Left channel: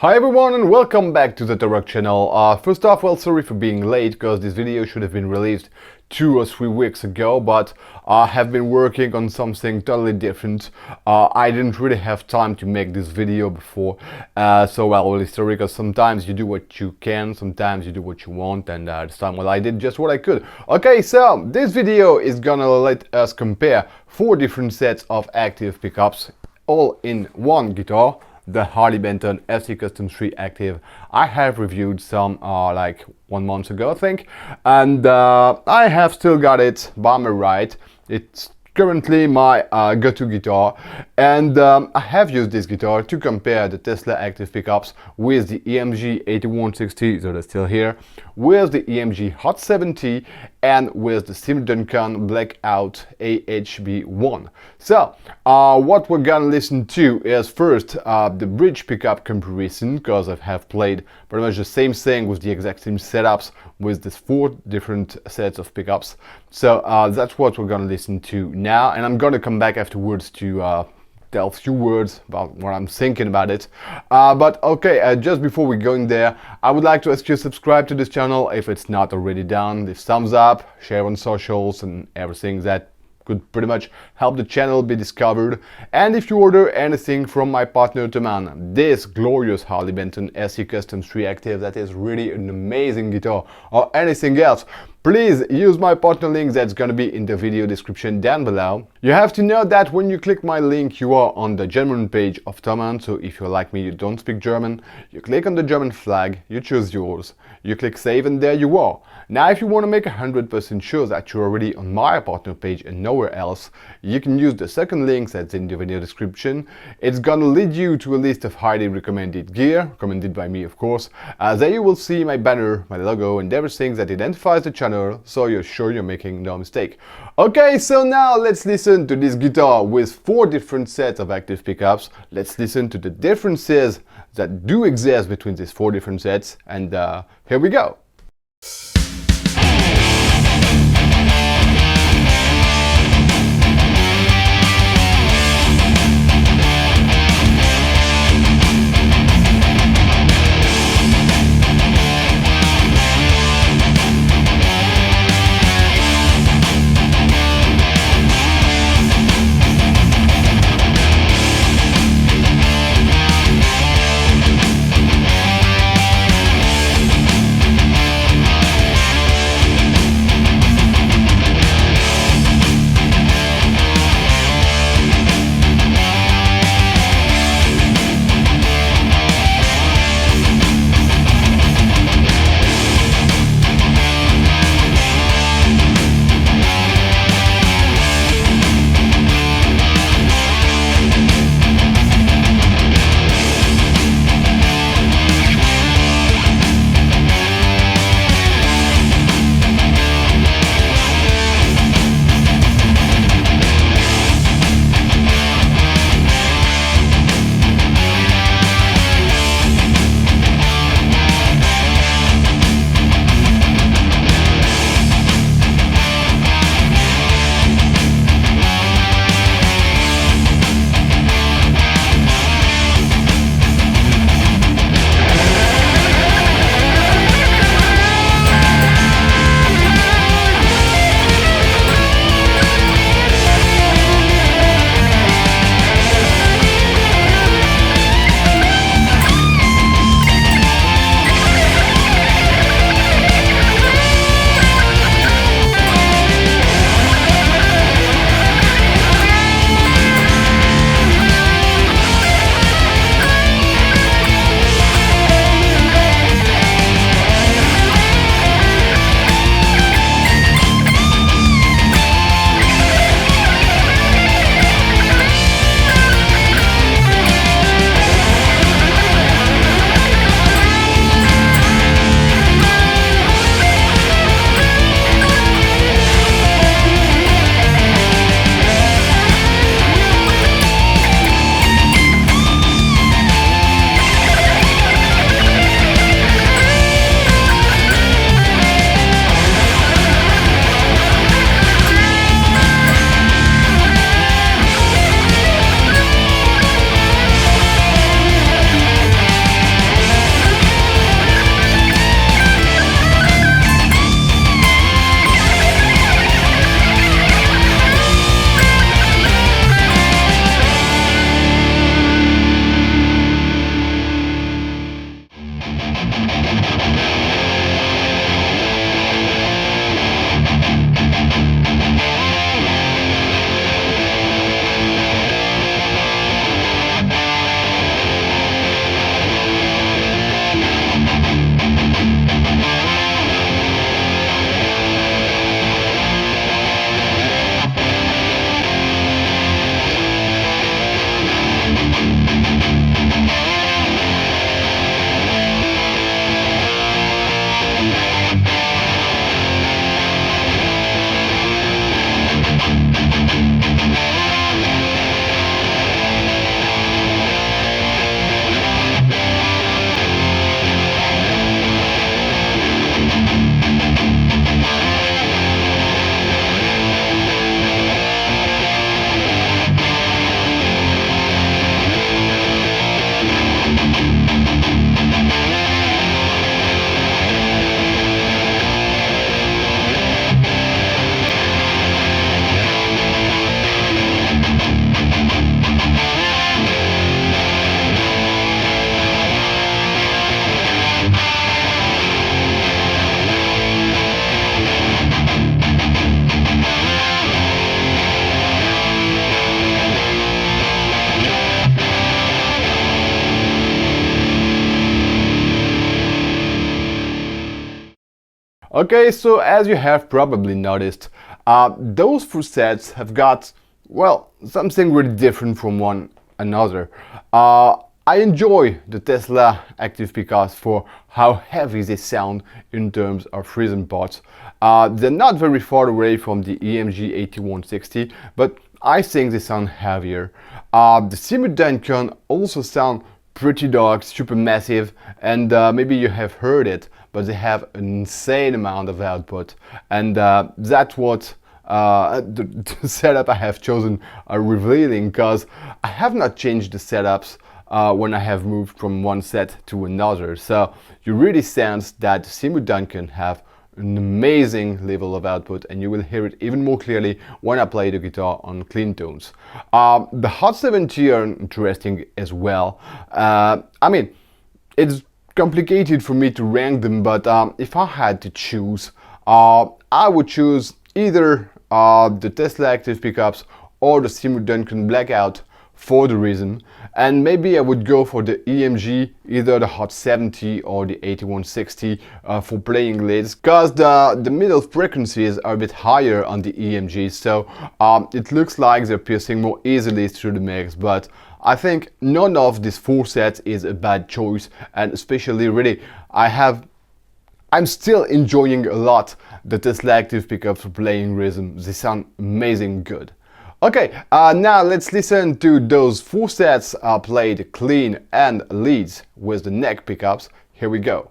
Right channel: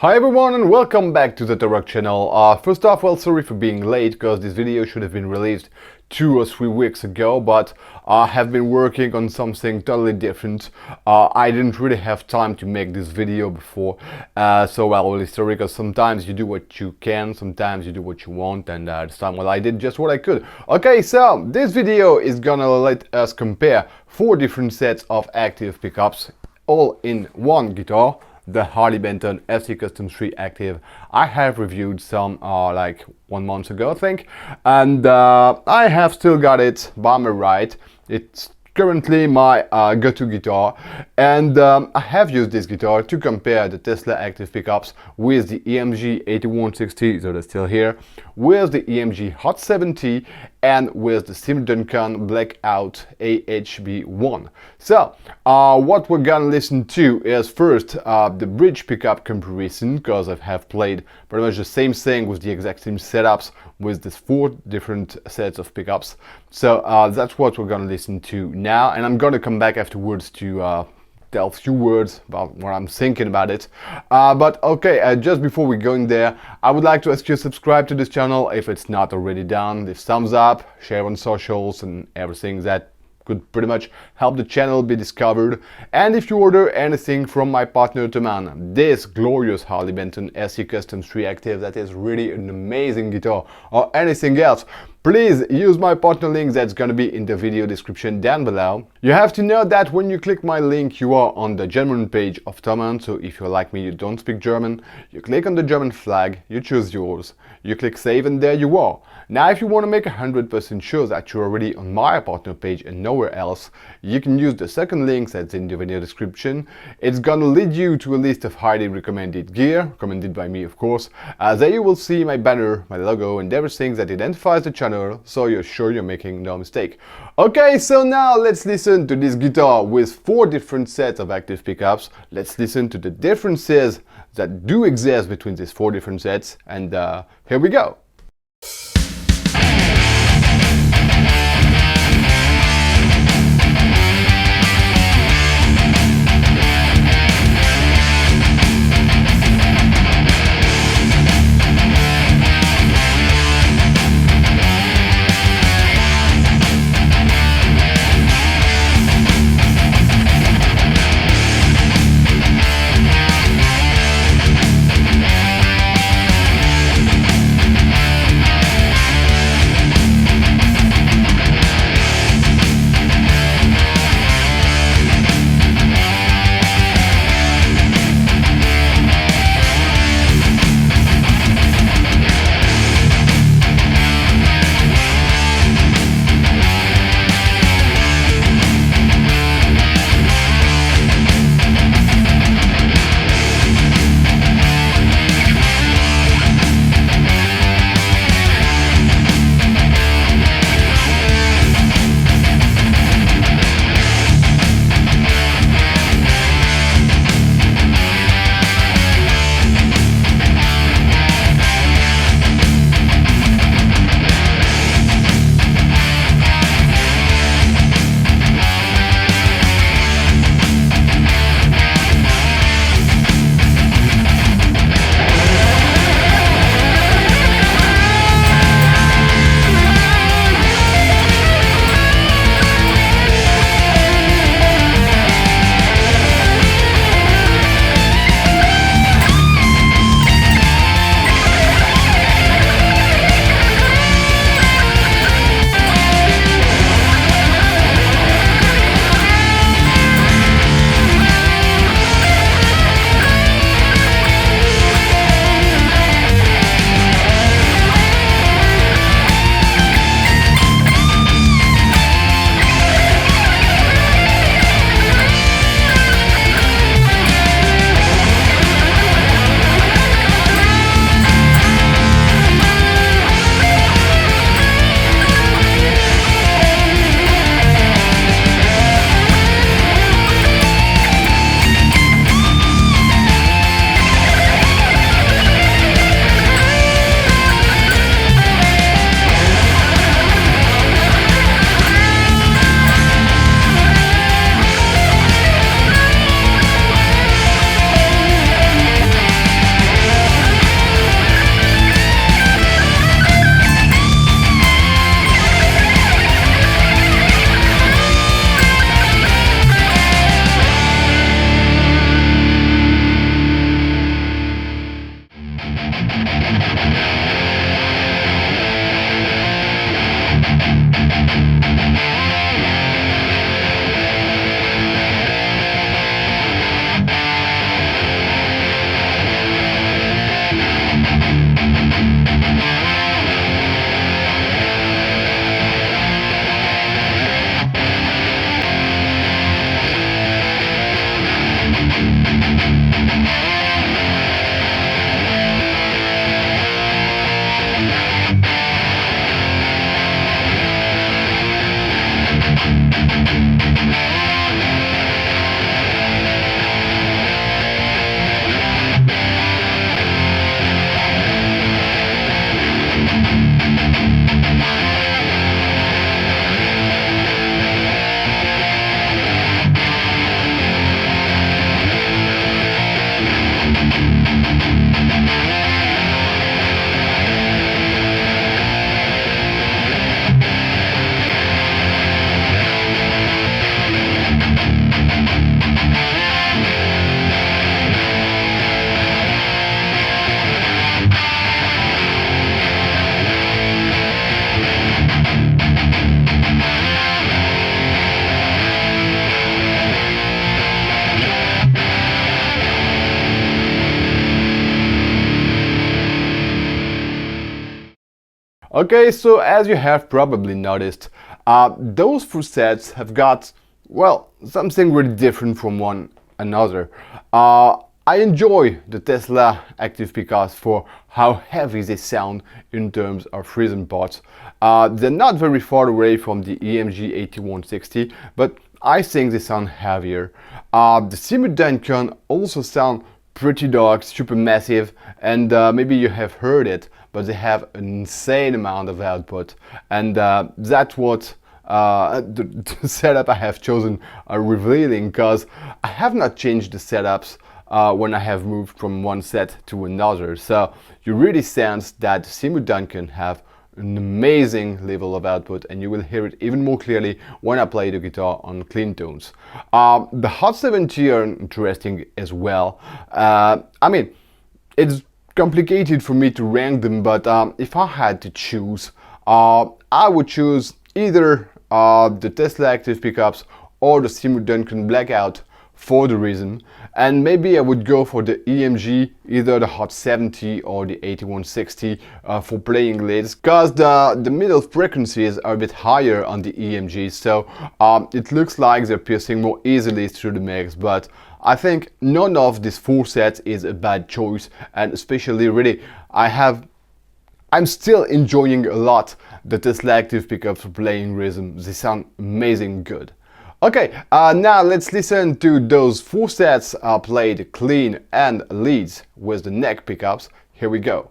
Hi everyone and welcome back to the ToroK channel. First off, well, sorry for being late because this video should have been released 2 or 3 weeks ago, but I have been working on something totally different. I didn't really have time to make this video before, so well, really sorry, because sometimes you do what you can, sometimes you do what you want, and this time, well, I did just what I could. Okay, so this video is gonna let us compare 4 different sets of active pickups, all in one guitar. The Harley Benton Sc-Custom III Active. I have reviewed some like 1 month ago, I think, and I have still got it by my right. It's currently my go-to guitar, and I have used this guitar to compare the Tesla active pickups with the EMG 8160, so they're still here, with the EMG Hot 70, and with the Seymour Duncan Blackout AHB-1. So what we're gonna listen to is first the bridge pickup comparison, because I have played pretty much the same thing with the exact same setups with these 4 different sets of pickups. So that's what we're gonna listen to now, and I'm gonna come back afterwards to tell a few words about what I'm thinking about it. But okay, just before we go in there, I would like to ask you to subscribe to this channel if it's not already done. This thumbs up, share on socials and everything that could pretty much help the channel be discovered. And if you order anything from my partner Thomann, this glorious Harley Benton Sc-Custom III Active that is really an amazing guitar, or anything else, please use my partner link that's gonna be in the video description down below. You have to know that when you click my link, you are on the German page of Thomann, so if you're like me, you don't speak German, you click on the German flag, you choose yours, you click save, and there you are. Now if you want to make 100% sure that you're already on my partner page and nowhere else, you can use the second link that's in the video description. It's gonna lead you to a list of highly recommended gear, recommended by me of course. There you will see my banner, my logo, and everything that identifies the channel, so you're sure you're making no mistake. Okay, so now let's listen to this guitar with 4 different sets of active pickups. Let's listen to the differences that do exist between these 4 different sets, and here we go. Okay, so as you have probably noticed, those four sets have got, well, something really different from one another. I enjoy the Tesla active pickups for how heavy they sound in terms of rhythm parts. They're not very far away from the EMG 8160, but I think they sound heavier. The Seymour Duncan also sound pretty dark, super massive, and maybe you have heard it, but they have an insane amount of output, and that's what the setup I have chosen are revealing, because I have not changed the setups when I have moved from one set to another. So you really sense that Seymour Duncan have an amazing level of output, and you will hear it even more clearly when I play the guitar on clean tones. The Hot 70 are interesting as well. I mean, it's complicated for me to rank them, but if I had to choose, I would choose either the Tesla active pickups or the Seymour Duncan Blackout for the rhythm, and maybe I would go for the EMG, either the Hot 70 or the 8160 for playing leads, because the middle frequencies are a bit higher on the EMG, so it looks like they're piercing more easily through the mix. But I think none of these four sets is a bad choice, and especially really I'm still enjoying a lot the Tesla active pickups for playing rhythm. They sound amazing good. Okay, now let's listen to those four sets played clean and leads with the neck pickups. Here we go.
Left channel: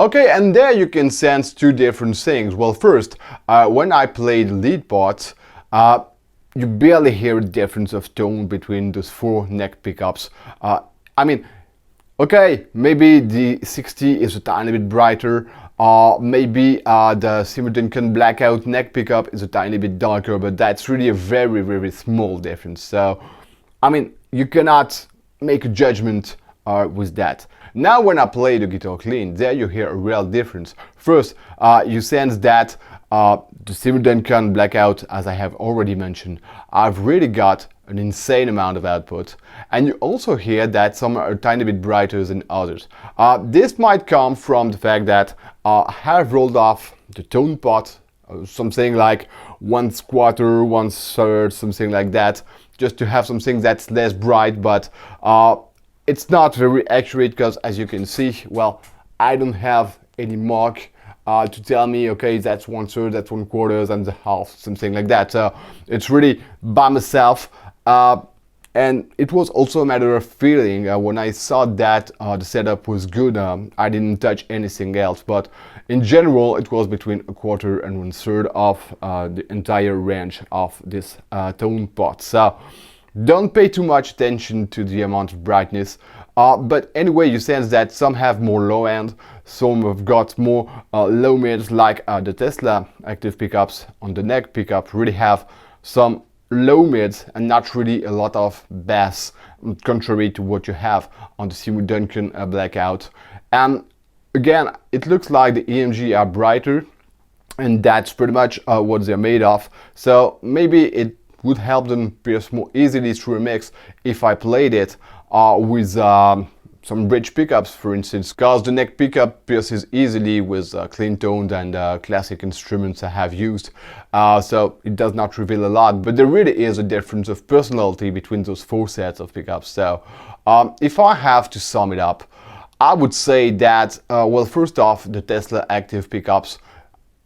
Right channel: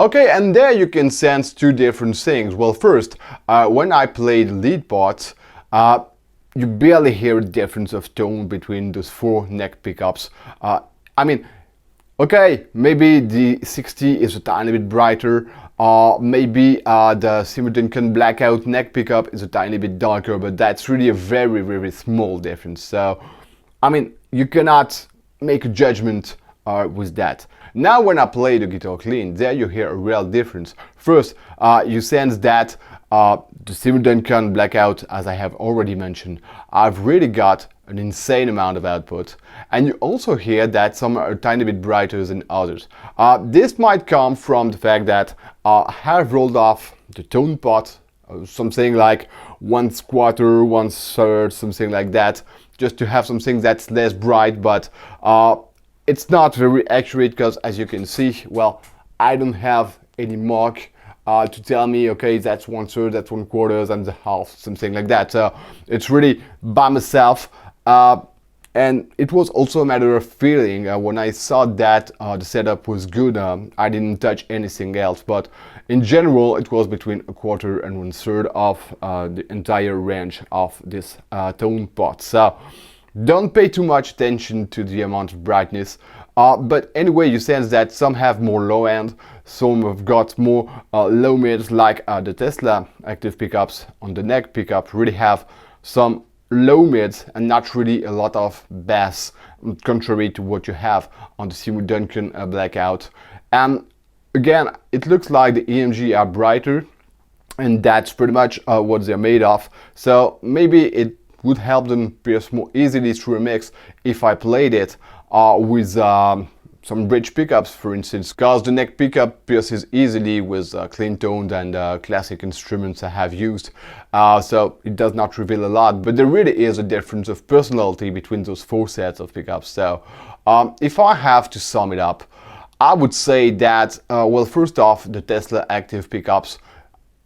Okay, and there you can sense two different things. Well, first, when I play the lead parts, you barely hear a difference of tone between those four neck pickups. I mean, okay, maybe the 60 is a tiny bit brighter, maybe the Seymour Duncan Blackout neck pickup is a tiny bit darker, but that's really a very, very small difference. So, I mean, you cannot make a judgment with that. Now when I play the guitar clean, there you hear a real difference. First, you sense that the Seymour Duncan Blackout, as I have already mentioned, I've really got an insane amount of output, and you also hear that some are a tiny bit brighter than others. This might come from the fact that I have rolled off the tone pot, something like 1/4, 1/3, something like that, just to have something that's less bright, but it's not very accurate because, as you can see, well, I don't have any mark to tell me, okay, that's 1/3, that's 1/4, and a half, something like that. So it's really by myself. And it was also a matter of feeling. When I saw that the setup was good, I didn't touch anything else. But in general, it was between 1/4 and 1/3 of the entire range of this tone pot. So don't pay too much attention to the amount of brightness. But anyway, you sense that some have more low end, some have got more low mids, like the Tesla active pickups on the neck pickup really have some low mids and not really a lot of bass, contrary to what you have on the Seymour Duncan Blackout. And again, it looks like the EMG are brighter, and that's pretty much what they're made of. So maybe it would help them pierce more easily through a mix if I played it with some bridge pickups, for instance, because the neck pickup pierces easily with clean toned and classic instruments I have used, so it does not reveal a lot, but there really is a difference of personality between those four sets of pickups. So if I have to sum it up, I would say that, well, first off, the Tesla active pickups,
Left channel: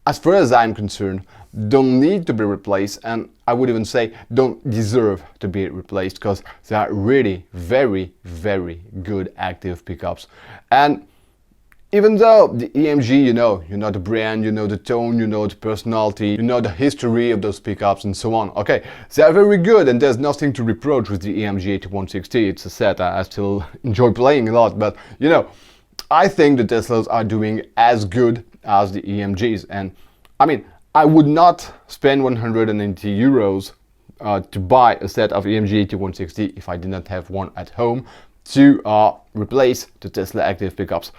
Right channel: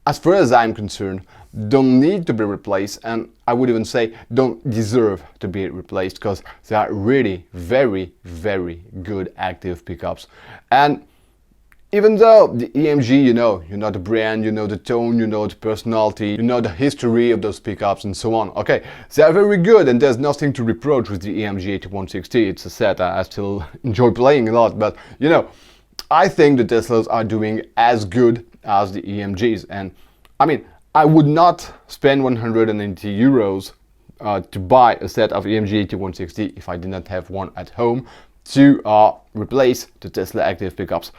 as far as I'm concerned, don't need to be replaced, and I would even say don't deserve to be replaced, because they are really very, very good active pickups. And even though the EMG, you know the brand, you know the tone, you know the personality, you know the history of those pickups and so on. Okay, they are very good, and there's nothing to reproach with the EMG AH-160. It's a set I still enjoy playing a lot, but you know, I think the Teslas are doing as good as the EMGs. And I mean, I would not spend 180 euros to buy a set of EMG AH-160 if I did not have one at home to replace the Tesla active pickups.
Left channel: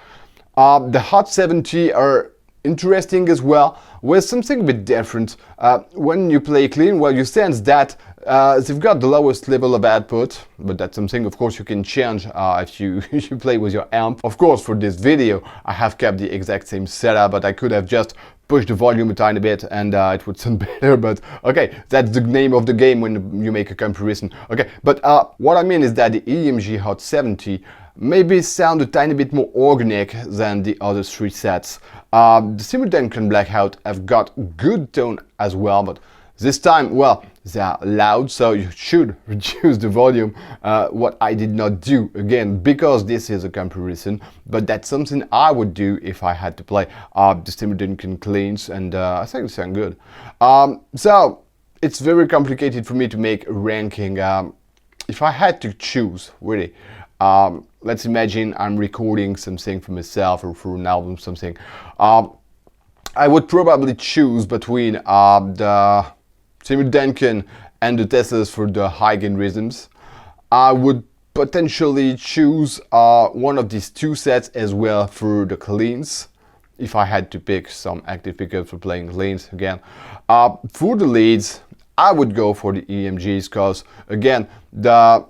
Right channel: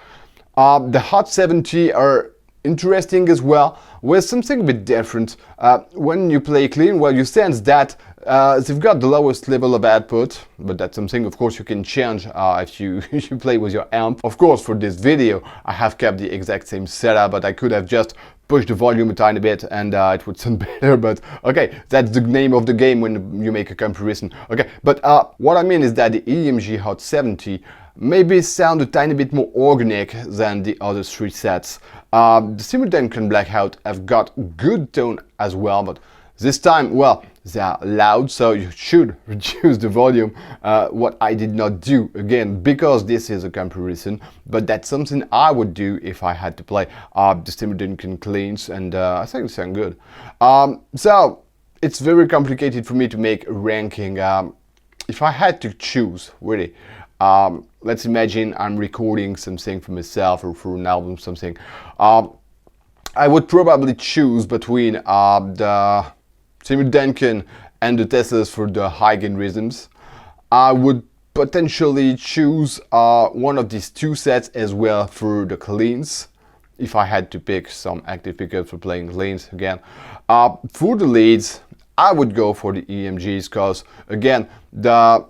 The Hot 70 are interesting as well, with something a bit different. When you play clean, well, you sense that they've got the lowest level of output, but that's something, of course, you can change if you play with your amp. Of course, for this video, I have kept the exact same setup, but I could have just pushed the volume a tiny bit and it would sound better, but okay, that's the name of the game when you make a comparison. Okay, but what I mean is that the EMG Hot 70 maybe sound a tiny bit more organic than the other three sets. The Seymour Duncan Blackout have got good tone as well, but this time, well, they are loud, so you should reduce the volume, what I did not do, again, because this is a comparison, but that's something I would do if I had to play the Seymour Duncan cleans, and I think they sound good. So, it's very complicated for me to make a ranking. If I had to choose, really, let's imagine I'm recording something for myself or for an album, something. I would probably choose between the Seymour Duncan and the Teslas for the high gain rhythms. I would potentially choose one of these two sets as well for the cleans, if I had to pick some active pickups for playing cleans again. For the leads, I would go for the EMGs, because again, the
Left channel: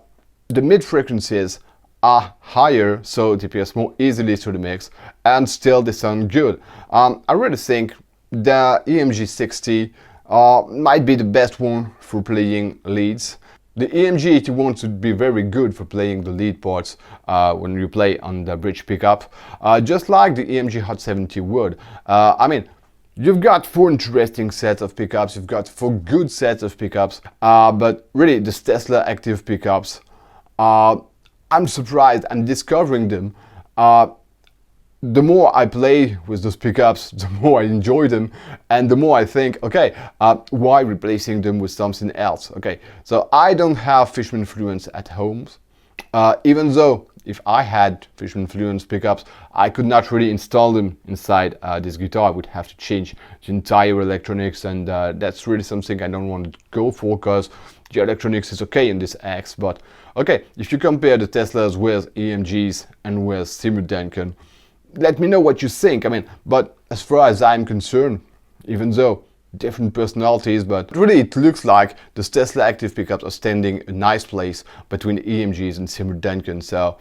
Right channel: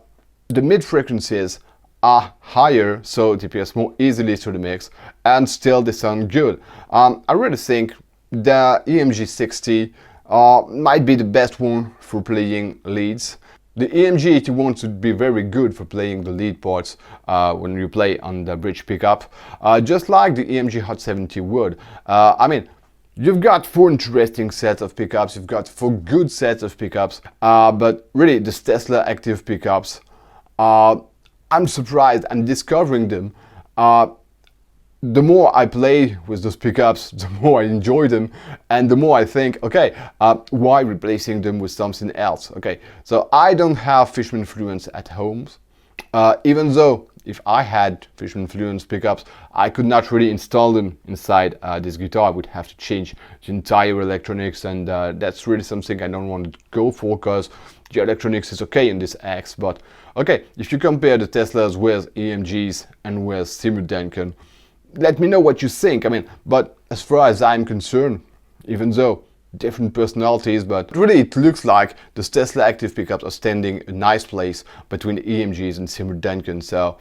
mid frequencies are higher, so they pierce more easily through the mix, and still they sound good. I really think the EMG 60 might be the best one for playing leads. The EMG 81 should be very good for playing the lead parts when you play on the bridge pickup, just like the EMG Hot 70 would. I mean, you've got four interesting sets of pickups, you've got four good sets of pickups, but really the Tesla active pickups, I'm surprised I'm discovering them the more I play with those pickups, the more I enjoy them, and the more I think, okay, why replacing them with something else? Okay, so I don't have Fishman Fluence at home, even though if I had Fishman Fluence pickups, I could not really install them inside this guitar. I would have to change the entire electronics, and that's really something I don't want to go for, because the electronics is okay in this X. But okay, if you compare the Teslas with EMGs and with Seymour Duncan, let me know what you think. I mean, but as far as I'm concerned, even though different personalities, but really it looks like the Tesla active pickups are standing a nice place between EMGs and Seymour Duncan. So,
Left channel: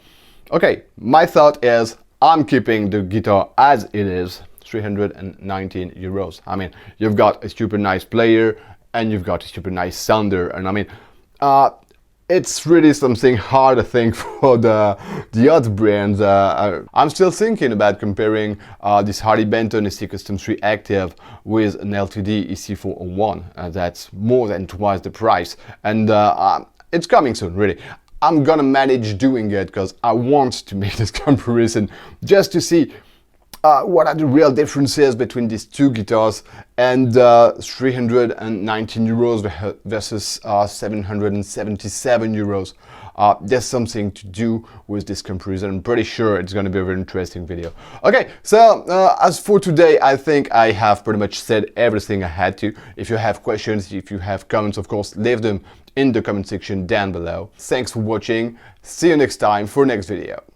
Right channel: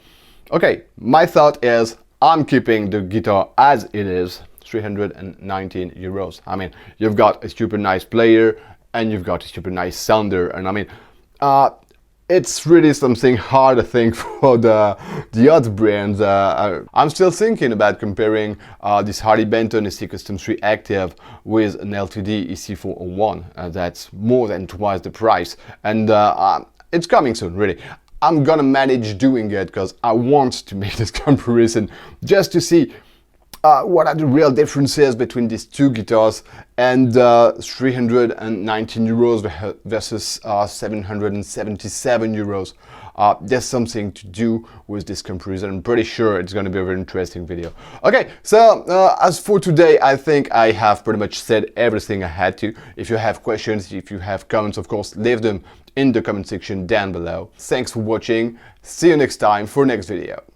okay, my thought is I'm keeping the guitar as it is, 319 euros. I mean, you've got a super nice player and you've got a super nice sounder, and I mean, it's really something hard, I think, for the other brands. I'm still thinking about comparing this Harley Benton Sc-Custom III Active with an LTD EC401. That's more than twice the price, and it's coming soon, really. I'm gonna manage doing it because I want to make this comparison just to see what are the real differences between these two guitars, and 319 euros versus 777 euros. There's something to do with this comparison. I'm pretty sure it's going to be a very interesting video. Okay, so as for today, I think I have pretty much said everything I had to. If you have questions, if you have comments, of course, leave them in the comment section down below. Thanks for watching. See you next time for next video.